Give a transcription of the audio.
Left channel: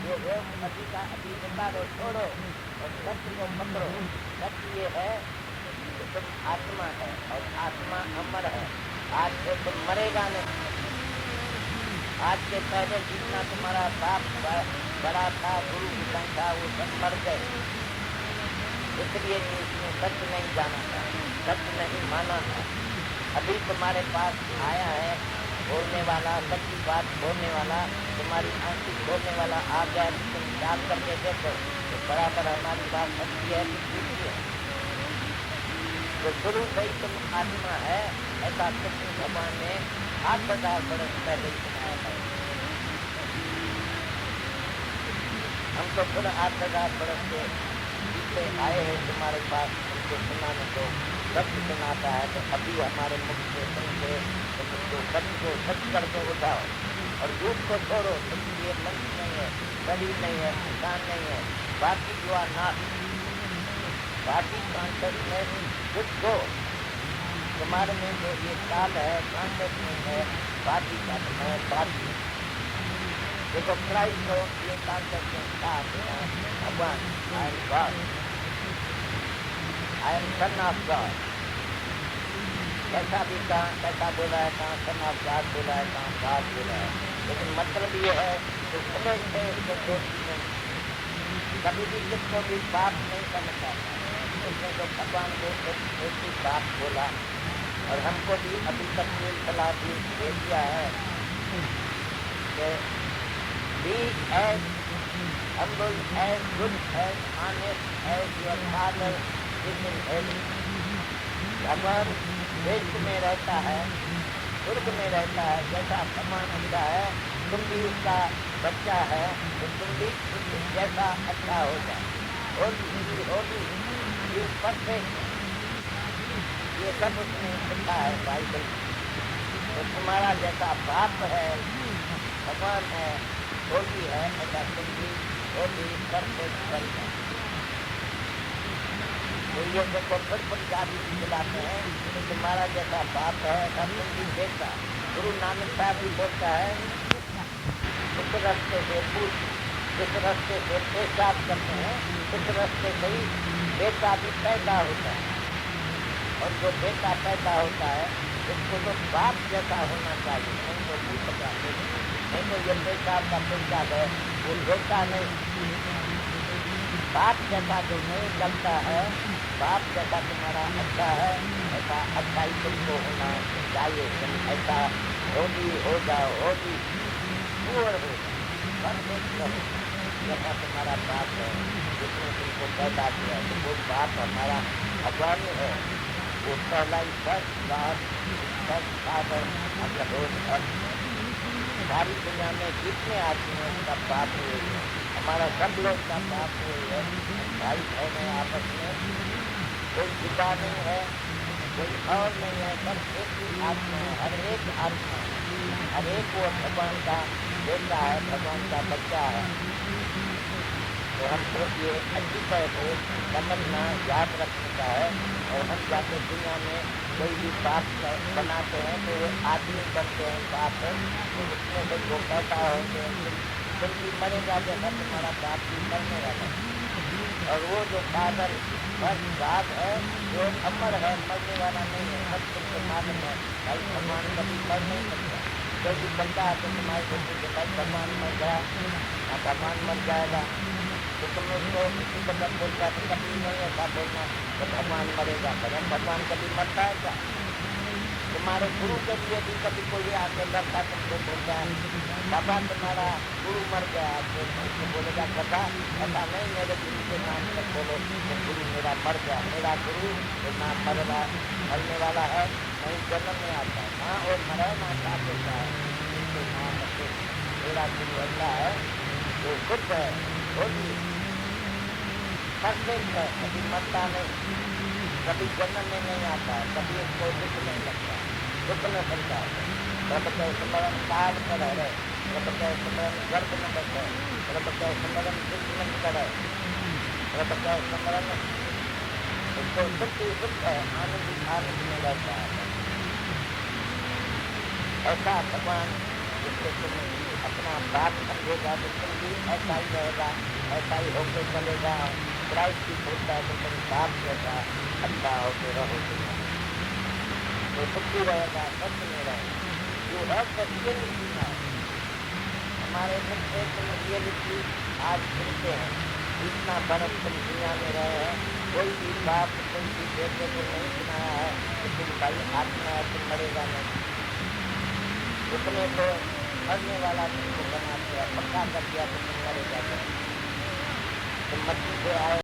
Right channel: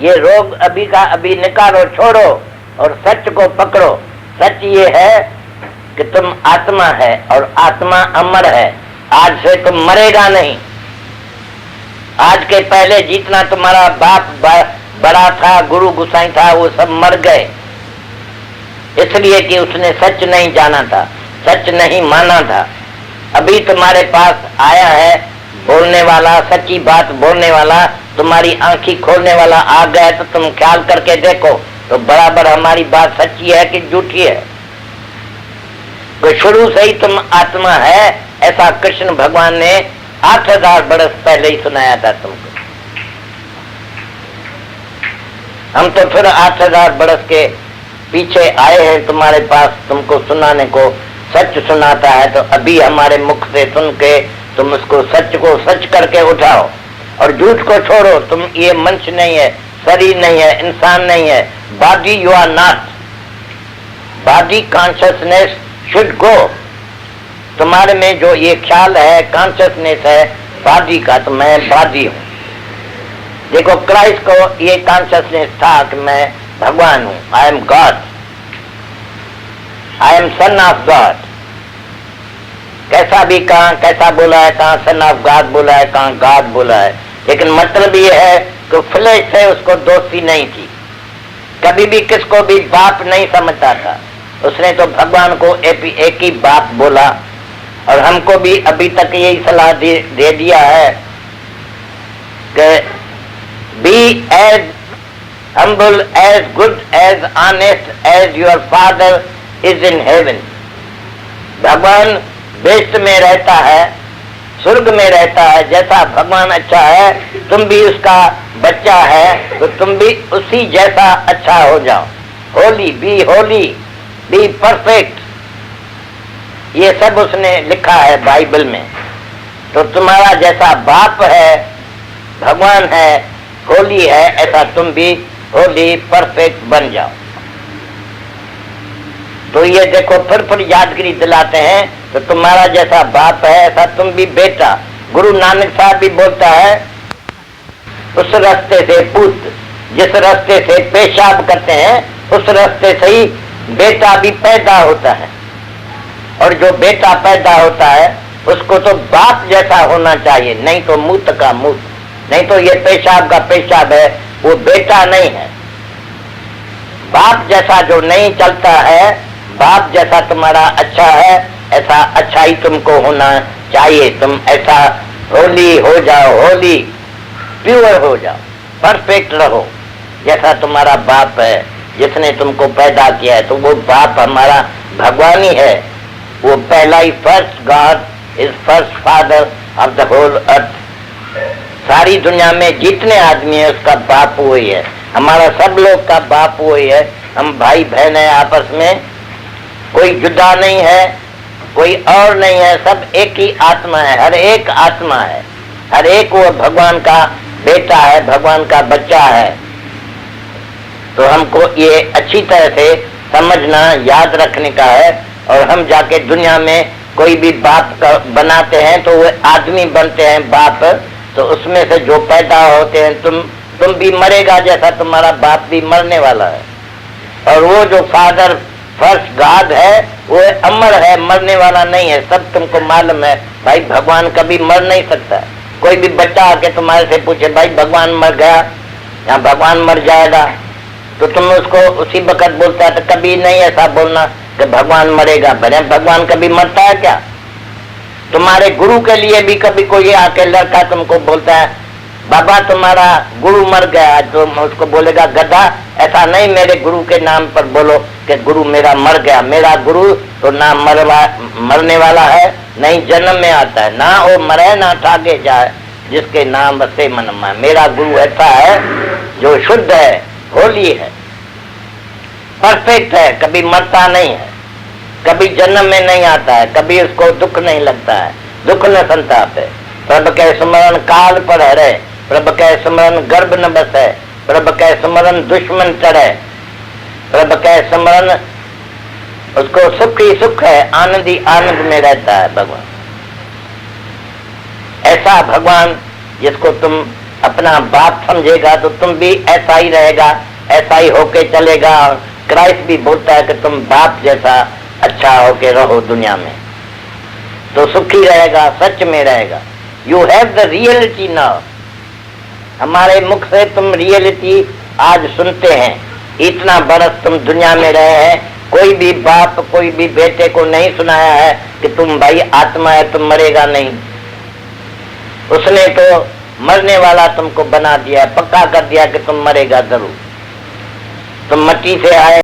ये रोग अभी का अभी निकालो, छोड़ो और सच को पकड़ो। सच ये है कि तुम आत्मा है और आत्मा अमर है। आज से तुम मरेगा नहीं। आज के पहले जितना तुम्हारा बाप बड़ा था, गुरु गुसाई था, वो सब मर गए, इसलिए कि उसने सच नहीं जाना था, सच नहीं माना था। अभी तुम्हारे पास आया है बोलने वाला, सच्ची बात बोलने वाला, तुम्हारी आंखें खोलने वाला आ गया, तो तुम ख्याल करके देखो तो बराबर हमारी बात सच्ची है कि झूठी है। तो शुरू से ही तुम आत्मा है, ऐसा कृष्ण भगवान ने 8000 बरस पहले ही सुनाया था तुमको। हम तो फिर 8000 बरस के पीछे आए हैं तुम्हारे पास तुमको सुनाने को। सच सुनाता है तो अभी हमारे मुख से सुन के तुम उसको सच को सच करके उठाओ और झूठ को छोड़ो। तुम ये मनुष्य नहीं है, शरीर नहीं है, इंसान नहीं है। Body you are not. Body consciousness should go. तुम्हारे में जो ये ख्याल है, कॉन्शियसनेस है बॉडी का, तो मैं बॉडी हूँ। देखो क्राइस्ट को ये कॉन्शियसनेस था कि मैं भगवान हूँ, I am God, I am son of God. कैसा भी कहा, कैसा बोला है, कहाँ सन ऑफ गॉड बोला है, कहाँ गॉड बोला है, लेकिन मतलब ये है कि फ्लेश से उसको दोस्ती नहीं थी। कभी भी किसको भी बाप नहीं समझता था। उसने तो भगवान को एक ही बाप बोला। और हमको भी अभी तक यही सलाह दे दिया है कि be as humble, as good, as honest as your father is in heaven। भगवान बेस्ट में रहता है, स्वर्ग में रहता है। जैसा भगवान अच्छा है, तुम भी उसका बच्चा है, तो तुम भी उसी जैसा अच्छा हो जाओ। होली, बी परफेक्ट, ये सब उसने लिखा है बाइबल में। तो तुम्हारा जैसा बाप है, भगवान है, होली है, ऐसा तुम भी होली परफेक्ट बन जाओ। तो ये देखो फिर यादगिरी दिलाते हैं, तो तुम्हारा जैसा बाप है ऐसा तुम भी बेटा। गुरु नानक साहब भी बोलता है, उस रास्ते से पुत्र, जिस रास्ते से पेशाब करते हैं उस रास्ते से ही बेटा भी पैदा होता है। और जो बेटा पैदा होता है उसको तो बाप जैसा होना चाहिए, नहीं तो मूत का मूत, नहीं तो ये पेशाब का पेशाब है, वो बेटा नहीं है। बाप जैसा जो नहीं चलता है, बाप जैसा तुम्हारा अच्छा है, ऐसा अच्छा ही तुमको होना चाहिए। तुम ऐसा होली हो जाओ, होली प्योर हो जाओ, परफेक्ट रहो जैसा तुम्हारा बाप है जिसने तुमको पैदा किया है। तो वो बाप हमारा भगवान ही है। वो पहला ही first God is first father of the whole earth. सारी दुनिया में जितने आदमी है उसका बाप वही है। हमारा सब लोग का बाप वही है। हम भाई बहन है आपस में, कोई जुदा नहीं है, कोई और नहीं है, सब एक ही आत्मा है। हर एक आत्मा है, हर एक वो भगवान का बेटा है, भगवान का बच्चा है। तो हमको ये अच्छी तरह से समझना, याद रखने का है। और हम जाके दुनिया में कोई भी बाप बनाते हैं तो वो आदमी बनते हैं बाप। तो उसमें से जो पैदा होते हैं, तुम भी मरेगा जैसा तुम्हारा बाप भी मरने वाला है। और वो जो फादर फर्स्ट गॉड है वो अमर है, मरने वाला नहीं है। सब तुमको मालूम है भाई, भगवान कभी मर नहीं सकता। कोई भी बच्चा आके तुम्हारे से पूछे भाई भगवान मर गया या भगवान मर जाएगा, तो तुम उसको उसी वक्त बोलता है। तो कभी नहीं ऐसा बोलना कि भगवान मरेगा। भगवान कभी मरता है क्या? तुम्हारे गुरु के लिए भी कभी कोई आके लड़का तुमको बोलता है बाबा तुम्हारा गुरु मर गया, तो उसको बोलेगा गधा। ऐसा नहीं, मेरे गुरु के नाम पर बोलो कि गुरु मेरा मर गया। मेरा गुरु तो ना मरने वाला है, नहीं जन्म में आता है, ना वो मरे ना ठाके जाए, जिसके नाम से मन में। मेरा गुरु ऐसा है जो शुद्ध है, होली है, परफेक्ट है, कभी मरता नहीं है, कभी जन्म में नहीं आता है, कभी उसको दुख नहीं लगता है, दुख न संताप है। प्रभु के स्मरण काल पर हरे, प्रभु के स्मरण गर्भ न बसे, प्रभु के स्मरण दुश्मन चढ़े, प्रभु के स्मरण उसको सुख ही सुख है, आनंद ही आनंद में रहता है भगवान। ऐसा भगवान जिसको तुम अपना बाप समझेगा तो तुम भी ऐसा ही रहेगा, ऐसा ही होके चलेगा। क्राइस्ट भी बोलता है कि तुम बाप जैसा अच्छा होके रहो दुनिया में, तो सुखी रहेगा, सच में रहेगा। You have the reality now. हमारे मुख से तुम रियलिटी आज सुनते हैं। इतना बरस तुम दुनिया में रहे हैं, कोई भी बाप कोई भी बेटे को नहीं सुनाया है कि तुम भाई आत्मा है, तुम मरेगा नहीं। उसने तो मरने वाला तुमको बना दिया, पक्का कर दिया कि तुम मरेगा जरूर। तुम मट्टी से आए